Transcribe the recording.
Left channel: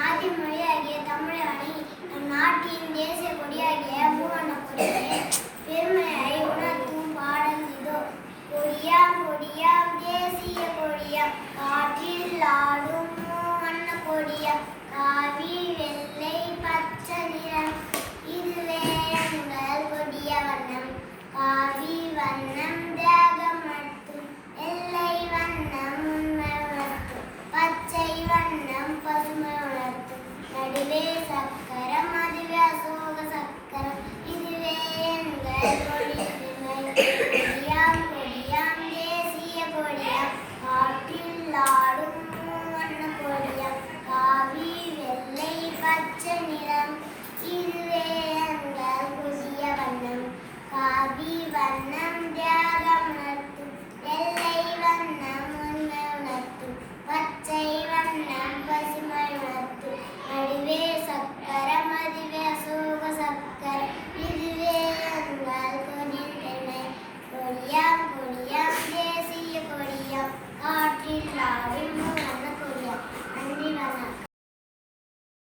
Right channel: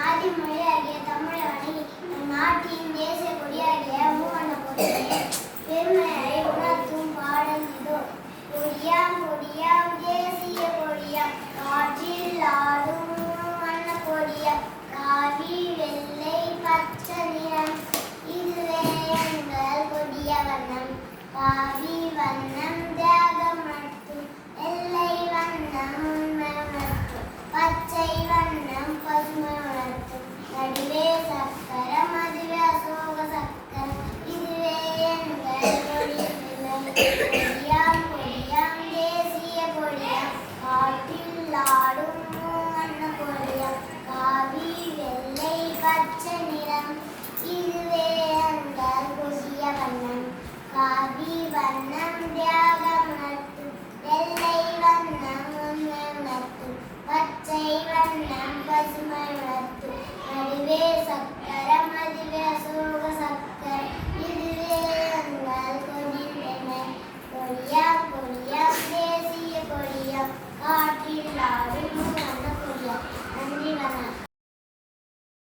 ஆதி மொழியாகிய தமிழை வணங்கி நம் நாட்டின் தேசிய கொடியாகிய மூவண்ண கொடியை பெருமையை உணர்த்தும் பாடல் இதோ. கொடியாம் கொடியா